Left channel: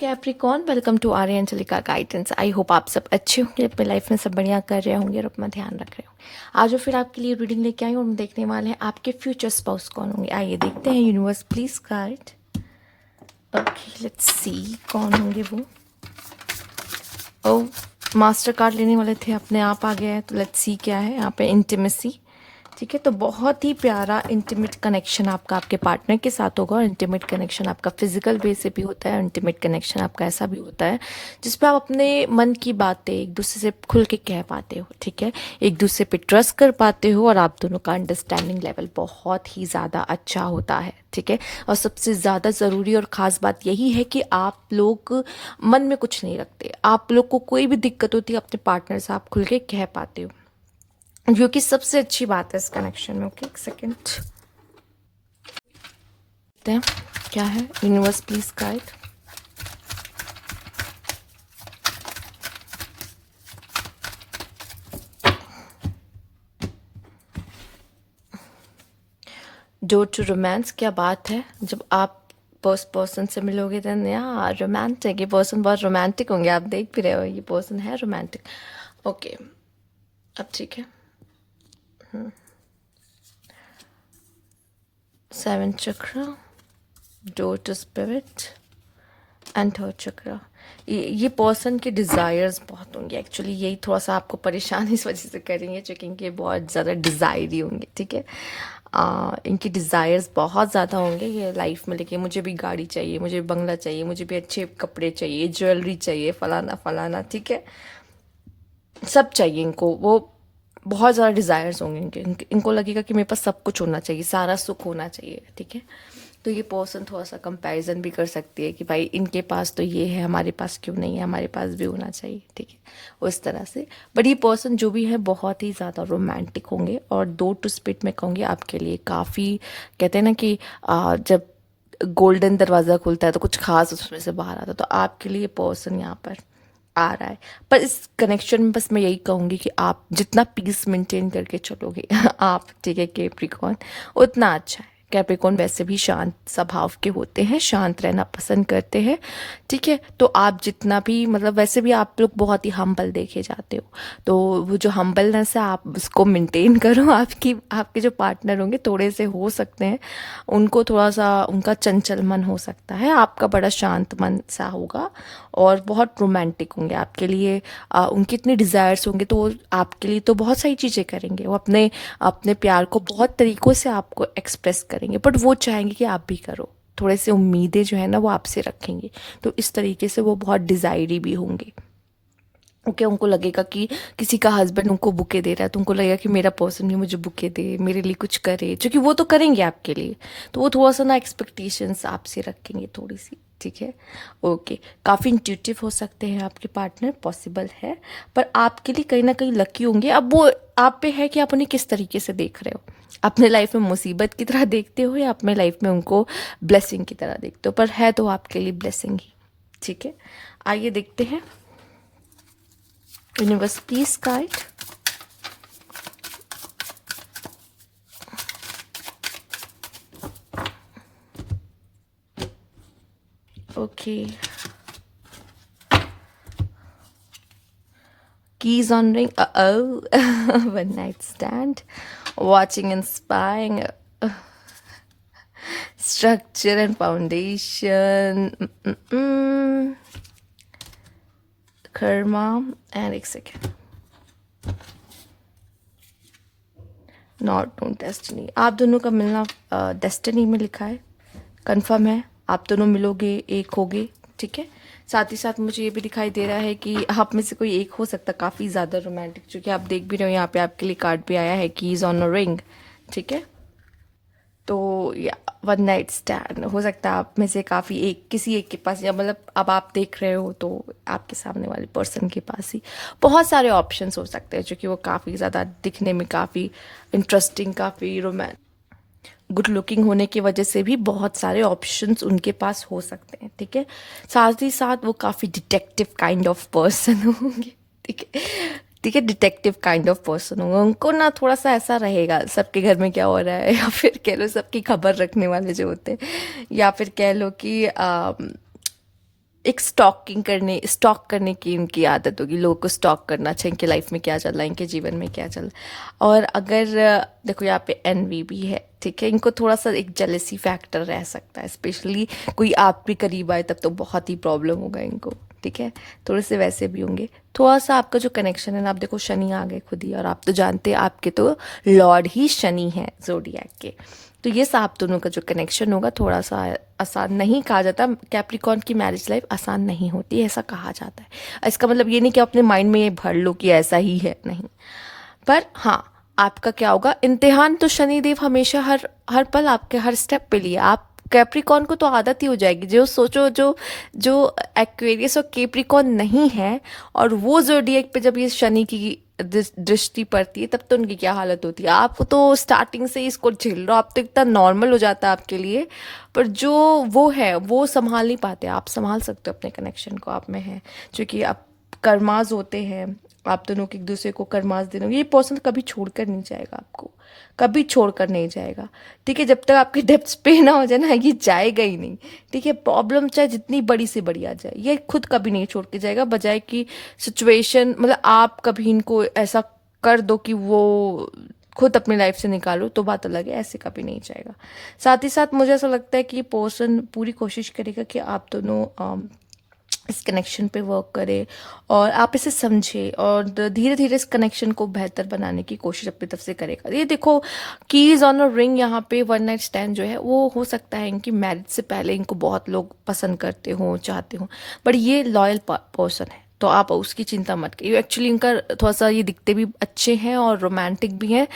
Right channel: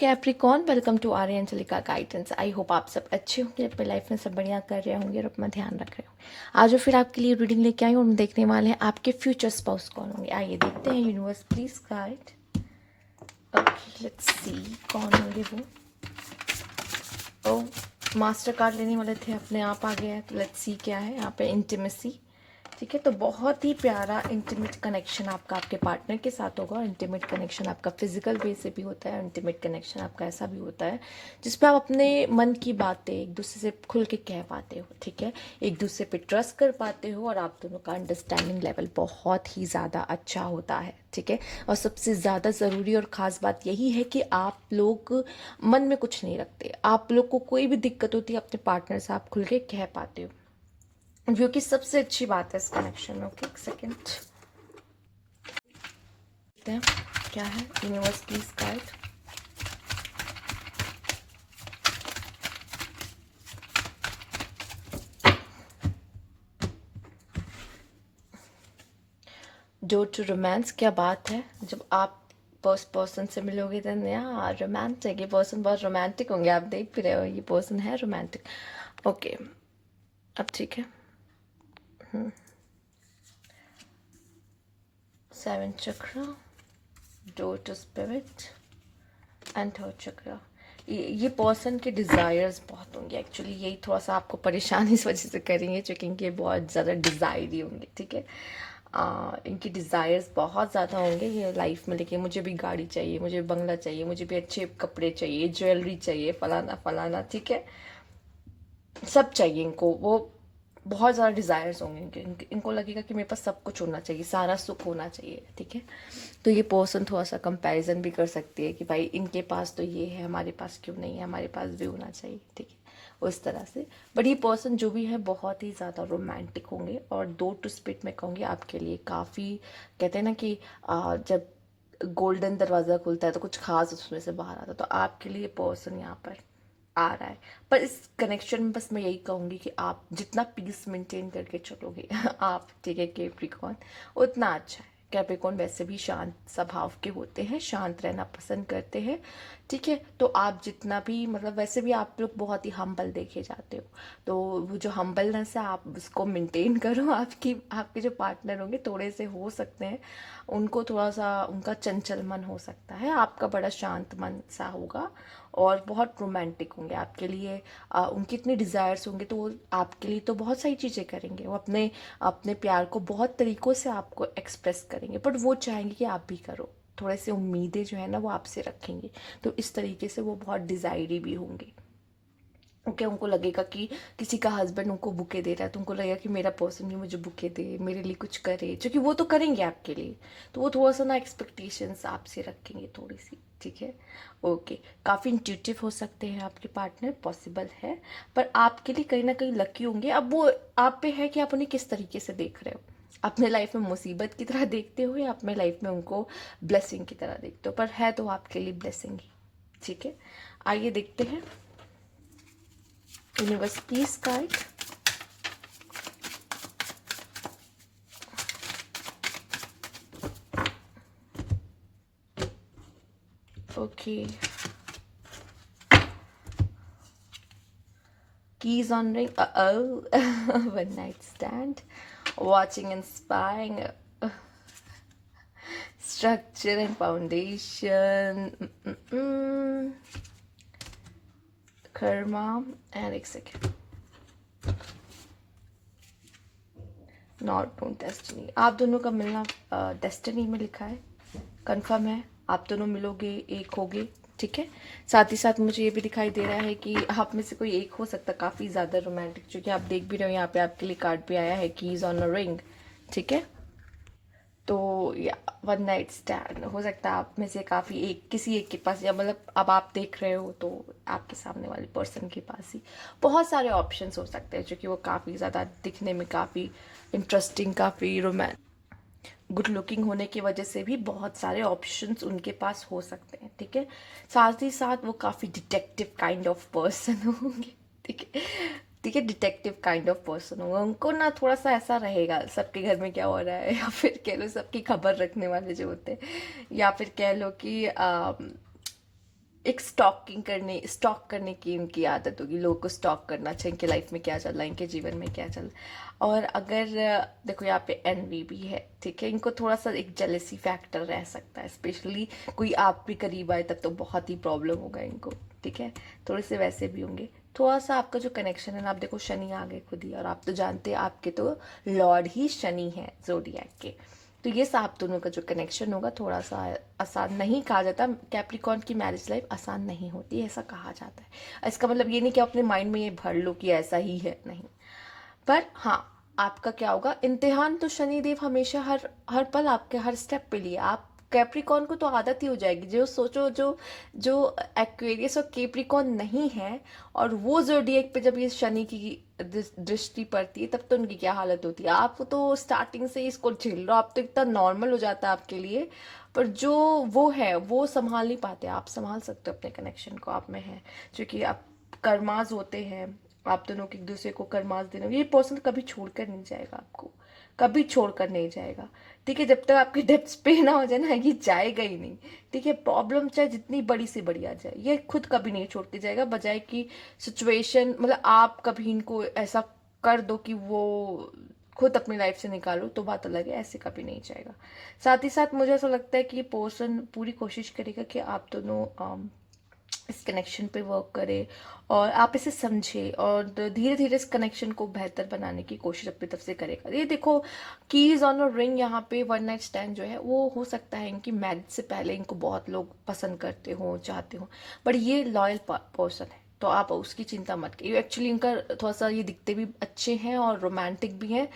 Capricorn, welcome to Arya Anjalika guidance. I hope आप सब अच्छे होंगे, अपने लाइफ में सब बढ़िया कर रहे होंगे और अपना ध्यान रख रहे होंगे। आज फिर आपके लिए रीडिंग लेके आई और हम देखने वाले हैं आपके फ्यूचर स्पाउस कौन होंगे। आइए देखते हैं। Universe please guide. Okay, let's see कौन होंगे वो। ओ, मास्टर कार्ड लेने वाले थे, अपने आप आ गया है। तो लेट्स सी क्या है यहाँ पे। इंटीमेसी, ठीक है। तो बहुत ही प्यारा इंटीमेट कनेक्शन आपका आपके पार्टनर के साथ होगा। और इंटीमेट कनेक्शन आपका फिजिकल वे से भी होता है। इंटीमेट कनेक्शन आपका ऐसा भी होता है जिसपे आप अपने मन की बातें एक दूसरे से खुल के कह पाते हो, ठीक है। एक दूसरे पे ट्रस्ट कर पाते हो और आप दोनों का अंडरस्टैंडिंग लेवल बहुत ही ज़्यादा अच्छा होता है, ठीक है। और सबसे ज़्यादा ज़रूरी और ख़ास बात यही है कि आप लोग मन में कुछ नहीं रखते। आप लोग को कोई भी दिक्कत होती है अपने पार्टनर से आप खुल के कह पाते हो, जो कि सबसे अच्छी बात है इस कनेक्शन में। ओके, एक सेकेंड देखते हैं क्या है। Universe please guide. Door to romance, क्या बात है। जब आप पर्सन से मिलोगे देन यार रोमांटिक, ये पर्सन बहुत रोमांटिक होंगे। आप देख भी रहे हो ये पर्सन है रोमांटिक। ओके, अब ठीक है। 7 चक्र, door to spirit and 3rd चक्र। ये पर्सन के डिज़ायर्स बहुत होंगे एक्चुअली। यही थोड़ा सा आपको परेशान इस वजह से करेंगे क्योंकि ये बहुत ज़्यादा डिज़ायर ही होंगे, ठीक है। इनकी डिज़ायर्स बहुत ज़्यादा होंगे ये लाइफ में लेके। मुझे भी गाड़ी चाहिए, मुझे भी बंगला चाहिए, मुझे भी अच्छे कपड़े चाहिए, ज्वेलरी चाहिए, फलाना फलाना, ठीक है। सब चाहिए इनको। वो बहुत ज़्यादा डिज़ायर्स होंगे इनको लगेगा कि मेरे पास सब कुछ होना चाहिए, सारा सुख होना चाहिए, ठीक है। तो ये पर्सन थोड़ा सा कंपैरिजन भी कर सकती है कि भाई इनके पास तो ये है, हमारे पास क्यों नहीं है, हमारे पास भी होना चाहिए, ठीक है। उस तरह से। बट ये पर्सन जो भी है बहुत ही ज़्यादा रोमांटिक होंगे। और 2 टू स्पिरिट में कहूँगी आपके लिए काफ़ी, कहते हैं ना कि जब गोल्डन दरवाज़ा खुलता है तो कुछ खास उसमें से बाहर आता है। तो आपके लिए पर्सन यहाँ पर आ रहा है। पर इस कनेक्शन में बस मैं यही कहूँगी कि आप जितना पीस मेंटेन करके चलोगे आप, ठीक है, कैप्रिकॉन, उतना अच्छा है। कैप्रिकॉन वैसे भी शांत स्वभाव के होते हैं, शांत रहना पसंद करते हैं, ठीक है। तो आप जितना भी मतलब वैसे भी आप लोग बहुत ही हम्बल देखे जाते हो। तो वो जो हम्बलनेस है आप उसको मेंटेन करो। आपके जो पार्टनर होंगे थोड़े से हो सकते हैं, उनको थोड़ा सा उनका चंचल मन हो सकता है, आपका बड़ा शांत मन सा होगा और बहुत रोमांटिक होंगे आपके लिए। उनके इतने डिज़ायर्स होंगे तो वो आपके लिए तो बहुत सारी चीज़ें करेंगे। वो अपने अपने प्यार को बहुत तरीक़ों से आपको एक्सप्रेस करेंगे, बट वो चाहेंगे कि आप भी करो। थोड़े से उम्मीदें जो है ना वो आपसे रखेंगे। तो इस तरीके से वो बहुत डिज़ायरी भी होंगे। ओके, उनको लगेगा कि किसी का हस्बैंड उनको बुके दे रहा है तो उनको लगेगा कि मेरा पर्सन भी मुझे बुके दे, मेरे लिए कुछ करे, क्योंकि वो तो करेंगे आपके लिए। तो वो थोड़ा सा ना एक्सपेक्टेशंस आपसे रखेंगे थोड़ी सी, ठीक है। ओके, काफ़ी इंट्यूटिव हो सकते हैं आपके पार्टनर, पॉसिबल है। पर आपके लिए कहीं ना कहीं लकी होंगे। अब वो आप पे है कि आप उन्हें किस तरीके से देख रहे हो। अपने लाइफ में मुसीबत की तरह देखते हो या अपने लाइफ में उनको ब्लेसिंग की तरह देखते हो, पर है तो आपके लिए ब्लेसिंग ही, ठीक है। आइए देखते हैं। Universe please guide. Okay, keys on ring. Oh, one night stand, watching and spying, structure and foundation, karma, and एक second, नॉट नोन डेस्टिनी। आप दोनों का मिलना डेस्टिनी में लिखा है, कंफर्म है। आप दोनों मिलोगे, एक होगे, ठीक है। साथ ही साथ मुझे ये भी दिखाई दे रहा है कि आप में से कोई एक हो सकता है काफ़ी ज़्यादा रोमांटिक, जो कि आप देख भी रहे हो। यहाँ पे आपके लिए कार्ड भी आया है, कीज ऑन अ रिंग, ठीक है। तो या वन नाइट स्टैंड हो सकता है आप में से काफ़ी एक किसी एक के पास, या मतलब अब आप देख रहे हो तो आपके सामने वाले पर्सन के पास ही बहुत सारे ऑप्शंस हो सकते हैं, जो कि वो काफ़ी ज़्यादा दिखने में काफ़ी इंटरेस्टिंग, काफ़ी रोमांस, गुड लुकिंग होने की वजह से भी बहुत सारे ऑप्शंस उनके पास हो सकते हैं, ठीक है। साथ ही साथ वो काफ़ी डिटेक्टिव काइंड ऑफ पर्सन होंगे, ठीक है, ठीक है। डिटेक्टिव काइंड ऑफ पर्सन होंगे। उनको ना थोड़ा सा ऐसा रहेगा सबके घर में क्या हो रहा है, या फिर कह लो सबकी खबर रखने वाले जो होते हैं, या फिर कह लो कि एक स्टॉक करने की इनकी आदत होगी, लोगों को स्टॉक करना अच्छा इनके लाइफ में क्या चल रहा है, इनके जीवन में क्या चल रहा है। और अगर देखो यहाँ पे एनवी भी है, ठीक है, इनको थोड़ा सा एक जेलेसी फैक्टर रह सकता है, स्पेशली कोई आप भी करीब आए तब तो बहुत ही प्रॉब्लम होगा इनको, ठीक है। थोड़े से वैसे भी होंगे। थोड़ा सा आपका जो कनेक्शन है ना, आप देखो शनि आ गए खुद ही, और आप तो जानते हैं आपके तो लॉर्ड ही शनि है जोडिएक के। तो ये आप दोनों का जो कनेक्शन होगा थोड़ा सा आसान नहीं कहा जाता, कैप्रिकॉर्न की मैरिज लाइफ आसान नहीं होती ऐसा कहा जाता है। इसका मतलब ये नहीं कि अपने माइंड में ये भर लो कि ऐसा ही है, नहीं। पर हाँ, आपका क्या होगा, इम्तिहान तो शनिदेव हमेशा हर हर पल आपके हर स्टेप पे लिए। आप कैप्रिकॉर्न को तो आदत ही हो जाएगी, जो सोचो जो जो एक्वेरियस और कैप्रिकॉर्न नहीं है, और वो जोडिएक पे जब ये शनि की दृष्टि पड़ती है तब तो उनकी क्या हालत होती है। आपको तो स्टार्टिंग से ही इसको झेल रहे हो, आप तो इतना नॉर्मल हो जाता है आपके लिए, पर जो वो है वो संभाल नहीं पाते। आप संभाल सकते हो अपने कनेक्शन को, आप में है, क्योंकि आप कर्माज होते हैं, आप दोनों के एक दूसरे को कर्मास देना। ये पर्सन कभी छोड़कर नहीं जाएगा आपको, कभी छोड़कर नहीं जाएगा, ठीक है। जब तक आपके डेप्थ्स पे ना हो जाए ना, ये जाएगा ही नहीं, ठीक है। प्रॉब्लम चाहे जितनी बड़ी से बड़ी आ जाए, ये खुद कभी नहीं छोड़ के जाएगा, बजाय कि सिचुएशन मतलब आप कभी इनको ऐसा कर दो कि वो खुद अपनी लाइफ से निकालो, तो बात अलग है, ऐसे कभी नहीं जाएगा। साथ ही साथ मुझे ऐसा लगता है कि पर्सन पूरी कोशिश करेगा कि आप दोनों इस कनेक्शन पे वर्क करे, और आप इसे समझे, और धीरे धीरे इस कनेक्शन को बेहतर बनाने की कोशिश अपनी तरफ से करेगा। ये देखो, कीज ऑन अ रिंग, यहाँ पे वन नाइट स्टैंड जो है वो हो सकता है इनकी मैरिज से पहले इनको बहुत लोग पसंद करते हो, चाहते हो, बट ये लॉयल पर्सन है, तो आप उसकी चिंता मत करिए। एक्चुअली इनका थोड़ा सा ये दिखते भी अच्छे हैं और रोमांटिक भी हैं,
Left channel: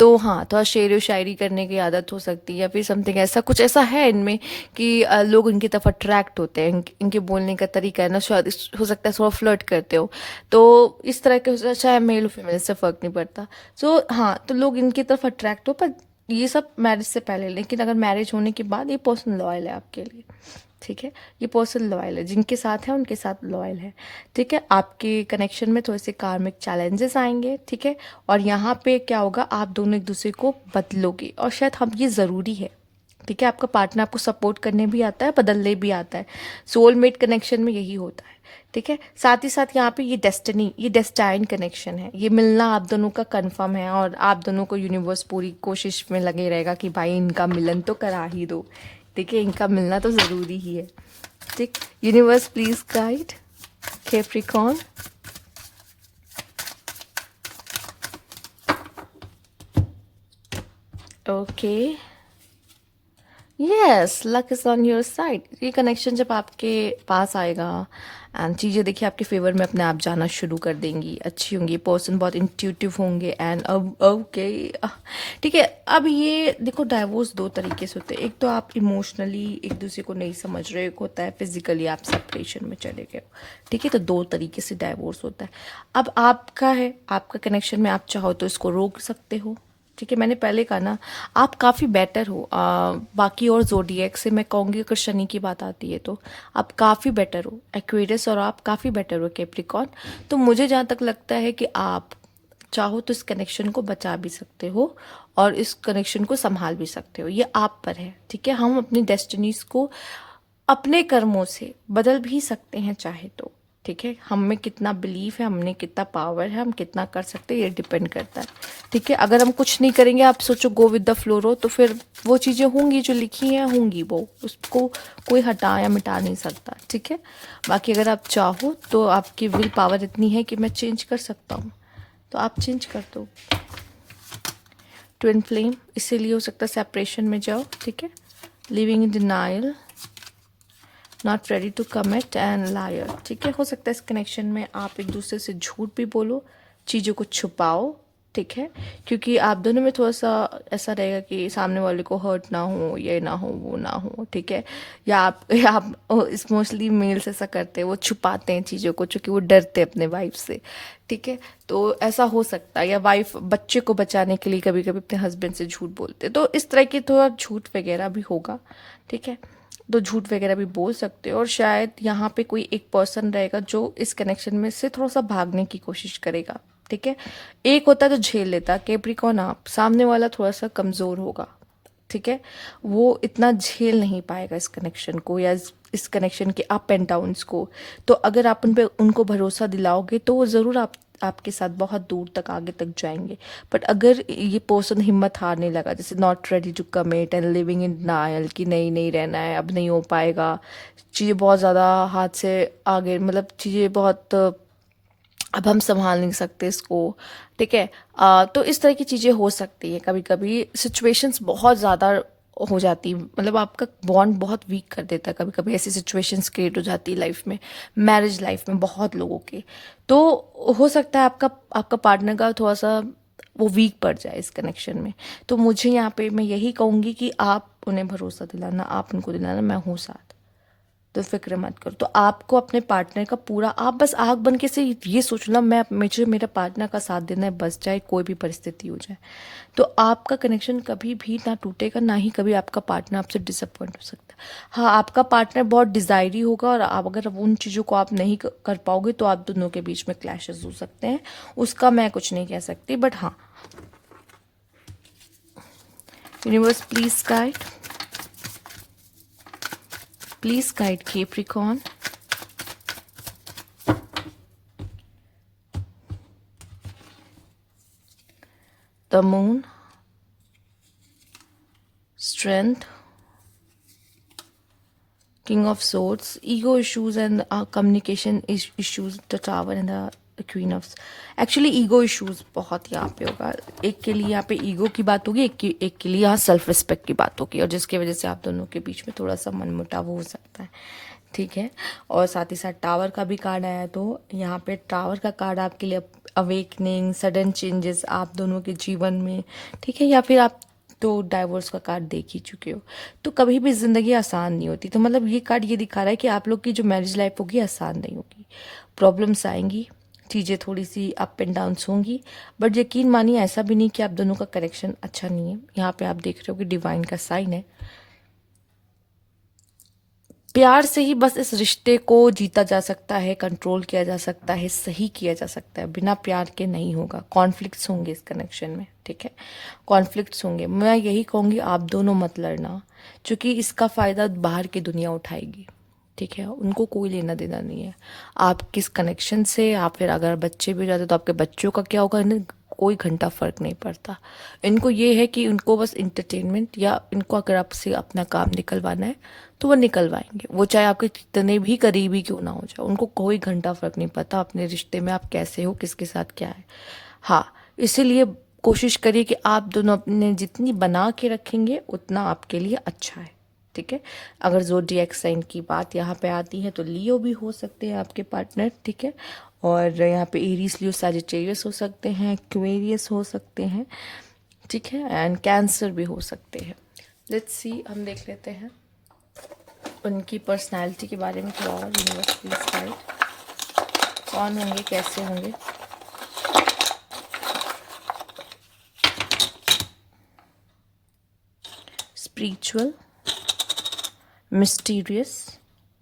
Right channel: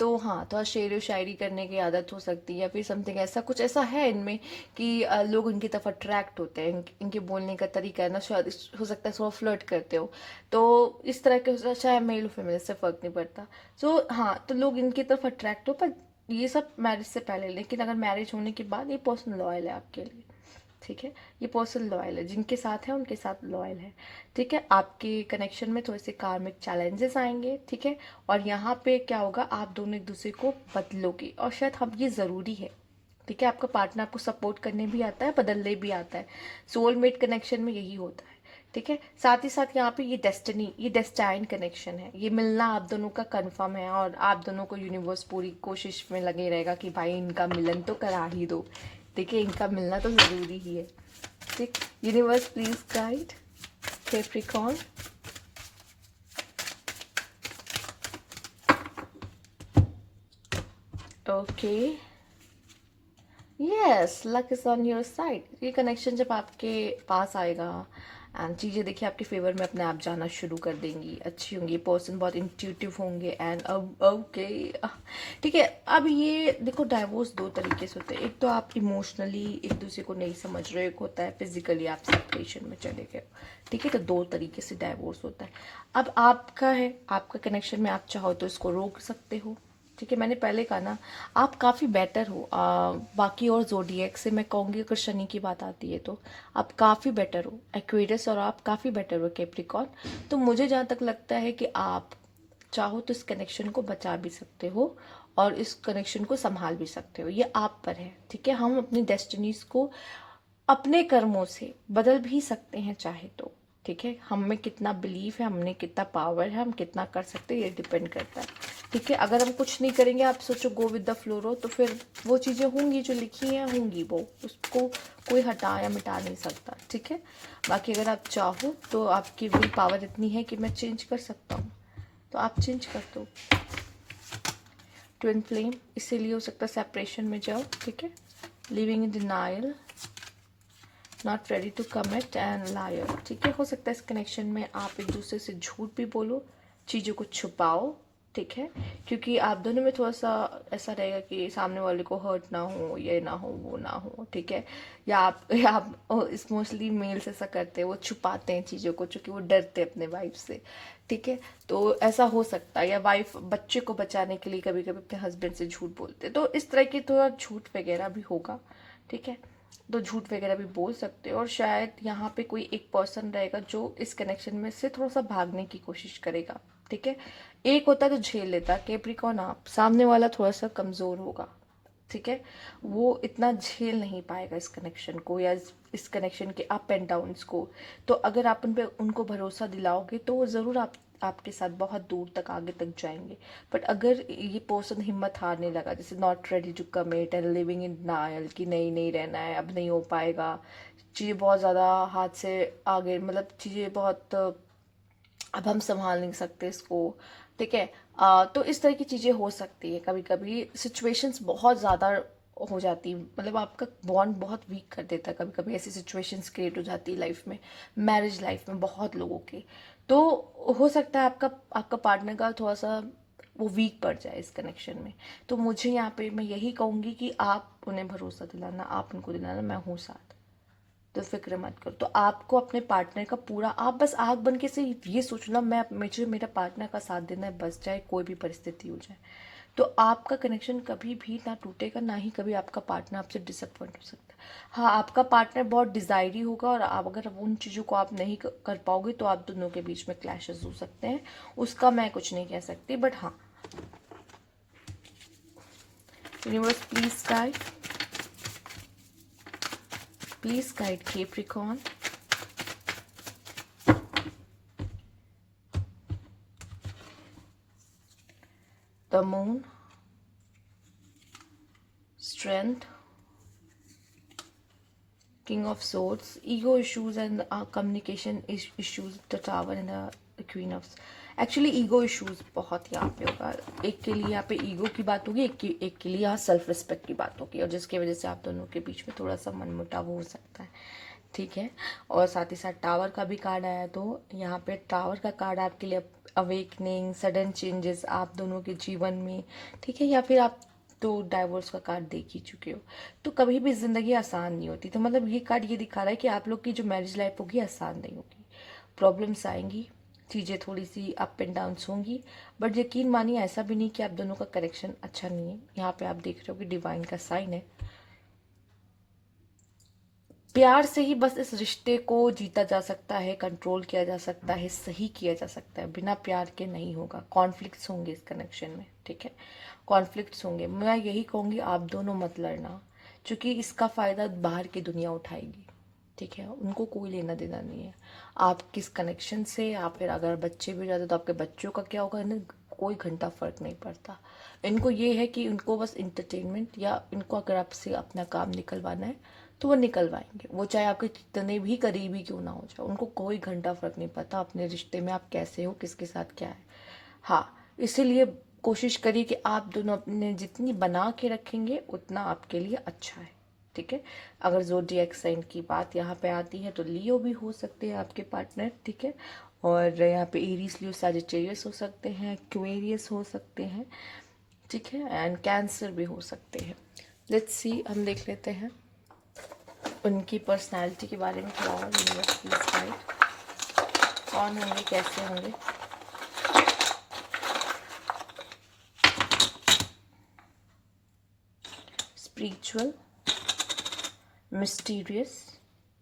तो हाँ, थोड़ा शेर व शायरी करने की आदत हो सकती है, या फिर समथिंग ऐसा कुछ ऐसा है इनमें कि लोग इनकी तरफ अट्रैक्ट होते हैं। इनके बोलने का तरीका है ना, शायद हो सकता है थोड़ा फ्लर्ट करते हो, तो इस तरह के, चाहे मेल फीमेल से फ़र्क नहीं पड़ता। सो हाँ, तो लोग इनकी तरफ अट्रैक्ट हो, पर ये सब मैरिज से पहले। लेकिन अगर मैरिज होने के बाद ये पर्सन लॉयल है आपके लिए, ठीक है। ये पर्सन लॉयल है, जिनके साथ है उनके साथ लॉयल है, ठीक है। आपके कनेक्शन में थोड़े से कार्मिक चैलेंजेस आएंगे, ठीक है। और यहाँ पे क्या होगा, आप दोनों एक दूसरे को बदलोगे, और शायद हम ये ज़रूरी है, ठीक है। आपका पार्टनर आपको सपोर्ट करने भी आता है, बदलने भी आता है। सोलमेट कनेक्शन में यही होता है, ठीक है। साथ ही साथ यहाँ पे ये डेस्टिनी, ये डेस्टाइन कनेक्शन है, ये मिलना आप दोनों का कंफर्म है, और आप दोनों को यूनिवर्स पूरी कोशिश में लगे रहेगा कि भाई इनका मिलन तो करा ही दो, ठीक है, इनका मिलना तो ज़रूरी ही है, ठीक। Universe please guide Capricorn. Okay, yes, luck is on your side. ये कनेक्शन जब आपके पास आएगा एंड चीज़ें देखिए आपके फेवर में अपने आप जाना शुरू कर देंगी, अच्छी होंगी, पर्सन बहुत इंट्यूटिव होंगे, एंड अब ओके, ठीक है। अब ये देखो, डाइवोर्स दो तरीके से होते हैं। एक तो आप इमोशनली एक दूसरे को नहीं समझ रहे, एक होता है फिजिकली आप सेपरेशन में चले गए हो, ठीक है। तो दो तरीके से डाइवोर्स होता है। अब आपका है, आपका कनेक्शन में आप चाहो तो इसको रोक सकते हो, ठीक है। मैंने पहले कहा ना, आप काफ़ी बेटर हो बाकी और जोडिएक से। मैं कहूँगी अगर शनि की बात आती है तो आप काफ़ी बेटर हो एक्वेरियस, और आप काफ़ी बेटर हो कैप्रिकॉर्न। तो मुझे जहाँ तक लगता है कि आप चाहो तो इस कनेक्शन को बचा भी सकते हो, और इस कनेक्शन को संभाल भी सकते हो, ये आप पर है, ठीक है। हम अपनी डेस्टिनीज को अपने कर्मों से बदल भी सकते हैं चाहे तो, ठीक है। हम में कितना बिलीफ है, हमने कितना पावर है, हम कितना कर सकते हैं, ये डिपेंड करता है, ठीक है। अगर हम कुछ नहीं करेंगे, आप सोचो गो विद द फ्लो रहो, तो फिर वो चीज़ें होंगी जो लिखी हैं होंगी, वो उसको कोई हटा या मिटा नहीं सकता, ठीक है। बाकी अगर आप चाहो तो आपकी विल पावर इतनी है कि मैं चेंज कर सकता हूँ, तो आप चेंज कर दो। ट्विन फ्लेम इसीलिए हो सकता है सेपरेशन में जाओ, ठीक है। Living in denial, not ready to commit and liar, ठीक है। हो सकता है इस कनेक्शन में आप एक दूसरे से झूठ भी बोलो, चीज़ों को छुपाओ, ठीक है, क्योंकि आप दोनों में थोड़ा सा ऐसा रहेगा कि सामने वाले को हर्ट ना हो, ये ना हो, वो ना हो, ठीक है। या आप इस मोस्टली मेल्स ऐसा करते हैं, वो छुपाते हैं चीज़ों को, चूँकि वो डरते हैं अपने वाइफ से, ठीक है। तो ऐसा हो सकता है, या वाइफ बच्चे को बचाने के लिए कभी कभी अपने हस्बैंड से झूठ बोलते हैं, तो इस तरह की थोड़ा झूठ वगैरह भी होगा, ठीक है। तो झूठ वगैरह भी बोल सकते हो, और शायद यहाँ पे कोई एक पर्सन रहेगा जो इस कनेक्शन में से थोड़ा सा भागने की कोशिश करेगा, ठीक है। एक होता है जो झेल लेता, कैप्रिकॉर्न आप, सामने वाला थोड़ा सा कमज़ोर होगा, ठीक है, वो इतना झेल नहीं पाएगा इस कनेक्शन को या इस कनेक्शन के अप एंड डाउन्स को। तो अगर आप उन पे उनको भरोसा दिलाओगे तो वो ज़रूर आपके साथ बहुत दूर तक आगे तक जाएंगे। बट अगर ये पर्सन हिम्मत हारने लगा, जैसे not ready to commit and living in denial कि नहीं नहीं रहना है, अब नहीं हो पाएगा, चीज़ें बहुत ज़्यादा हाथ से आगे, मतलब चीज़ें बहुत, अब हम संभाल नहीं सकते इसको, ठीक है, तो इस तरह की चीज़ें हो सकती है। कभी कभी सिचुएशंस बहुत ज़्यादा हो जाती, मतलब आपका बॉन्ड बहुत वीक कर देता है। कभी कभी ऐसी सिचुएशंस क्रिएट हो जाती है लाइफ में, मैरिज लाइफ में बहुत लोगों के। तो हो सकता है आपका आपका पार्टनर का थोड़ा सा वो वीक पड़ जाए इस कनेक्शन में। तो मुझे यहाँ पे मैं यही कहूँगी कि आप उन्हें भरोसा दिलाना, आप उनको दिलाना मैं हूँ साथ, तो फिक्र मत करो। तो आपको अपने पार्टनर का पूरा, आप बस आग बन के से ये सोच लो मैं मुझे मेरा पार्टनर का साथ देना है बस, चाहे कोई भी परिस्थिति हो जाए। तो आपका कनेक्शन कभी भी ना टूटेगा, ना ही कभी आपका पार्टनर आपसे डिसअपॉइंट हो सकता है। हाँ, आपका पार्टनर बहुत डिज़ायरी होगा और आप अगर उन चीज़ों को आप नहीं कर पाओगे तो आप दोनों के बीच में क्लैशेस हो सकते हैं, उसका मैं कुछ नहीं कह सकती। बट हाँ, universe please guide Capricorn, the moon, strength, king of swords, ego issues and communication issues, the tower and the queen of, actually ego issues बहुत यहाँ पे होगा। एक के लिए यहाँ पे ईगो की बात होगी, एक के लिए यहाँ सेल्फ रिस्पेक्ट की बात होगी, और जिसकी वजह से आप दोनों के बीच में थोड़ा सा मनमुटाव हो सकता है, ठीक है। और साथ ही साथ टावर का भी कार्ड आया, तो यहाँ पे टावर का कार्ड आपके लिए अवेकनिंग, सडन चेंजेस आप दोनों के जीवन में, ठीक है, या फिर आप तो डाइवोर्स का कार्ड देख ही चुके हो। तो कभी भी ज़िंदगी आसान नहीं होती, तो मतलब ये कार्ड ये दिखा रहा है कि आप लोग की जो मैरिज लाइफ होगी आसान नहीं होगी, प्रॉब्लम्स आएंगी, चीज़ें थोड़ी सी अप एंड डाउन्स होंगी। बट यकीन मानिए ऐसा भी नहीं कि आप दोनों का कनेक्शन अच्छा नहीं है। यहाँ पे आप देख रहे हो कि डिवाइन का साइन है, प्यार से ही बस इस रिश्ते को जीता जा सकता है, कंट्रोल किया जा सकता है, सही किया जा सकता है, बिना प्यार के नहीं होगा। कॉन्फ्लिक्ट्स होंगे इस कनेक्शन में, ठीक है, कॉन्फ्लिक्ट्स होंगे। मैं यही कहूँगी आप दोनों मत लड़ना, क्योंकि इसका फ़ायदा बाहर की दुनिया उठाएगी, ठीक है, उनको कोई लेना देना नहीं है आप किस कनेक्शन से। आप फिर अगर बच्चे भी हो जाते तो आपके बच्चों का क्या होगा, इन्हें कोई घंटा फ़र्क नहीं पड़ता। इनको ये है कि उनको बस इंटरटेनमेंट, या इनको अगर आपसे अपना काम निकलवाना है तो वो निकलवाएंगे, वो चाहे आपके कितने भी करीबी क्यों ना हो जाए, उनको कोई घंटा फ़र्क नहीं पड़ता अपने रिश्ते में आप कैसे हो, किसके साथ क्या है। हाँ, इसीलिए कोशिश करिए कि आप दोनों अपने जितनी बना के रखेंगे उतना आपके लिए अच्छा है, ठीक है। अगर ज़ोडिएक साइन की बात यहाँ पे आती है तो लियो भी हो सकते हैं आपके पार्टनर, ठीक है, और यहाँ पे एरीज, लियो, सजिटेरियस हो सकते हैं, एक्वेरियस हो सकते हैं, ठीक है, एंड कैंसर भी हो सकते हैं। लेट्स सी, हम देख लेते हैं उनकी पर्सनालिटी के बारे में थोड़ा और। यूनिवर्स गाइड, कौन होंगे, कैसे होंगे। स्पिरिचुअल, मिस्टीरियस,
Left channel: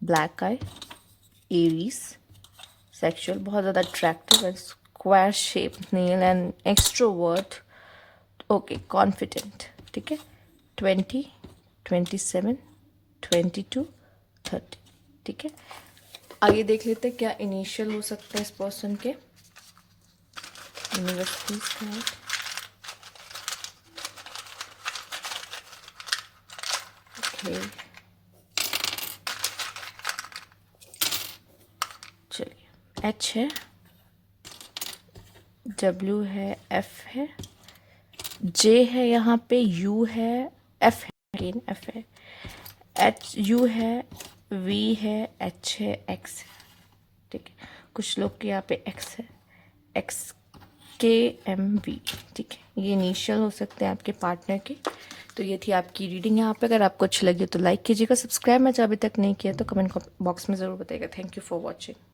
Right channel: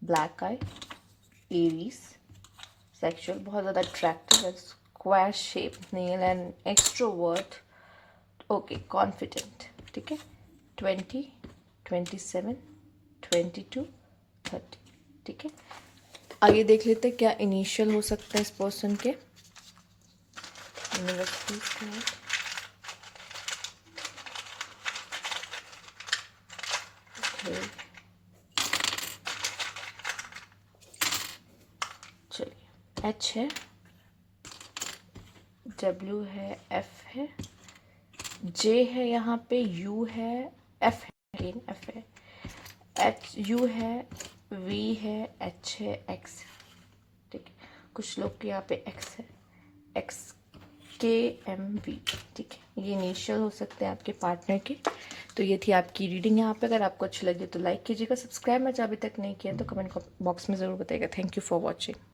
ब्लैक आई, एरीज, सेक्सुअल, बहुत ज़्यादा attractive, square shape nail and extrovert, okay, confident, ठीक है, 20, 27, 22, 30, ठीक है। आगे देख लेते हैं क्या इनिशियल हो सकता है इस पर्सन के। यूनिवर्स प्लीज गाइड, ओके, चलिए, एच है, डब्ल्यू है, एफ है, जे है, यहाँ पे यू है, एफ है, अगेन एफ है, एच, यू है, वी है, एच है, एक्स है, ठीक है। कुछ लोग के यहाँ पे एक्स है, एक्स के एम वी, ठीक है, ये इनिशियल हो सकते हैं आपके पार्टनर के। तो ये थी आपकी रीडिंग यहाँ पे। अगर आपको अच्छी लगी तो लाइक कीजिएगा, सब्सक्राइब मैं अभी तक नहीं किया तो कमेंट बॉक्स में ज़रूर बताइएगा। Thank you for watching.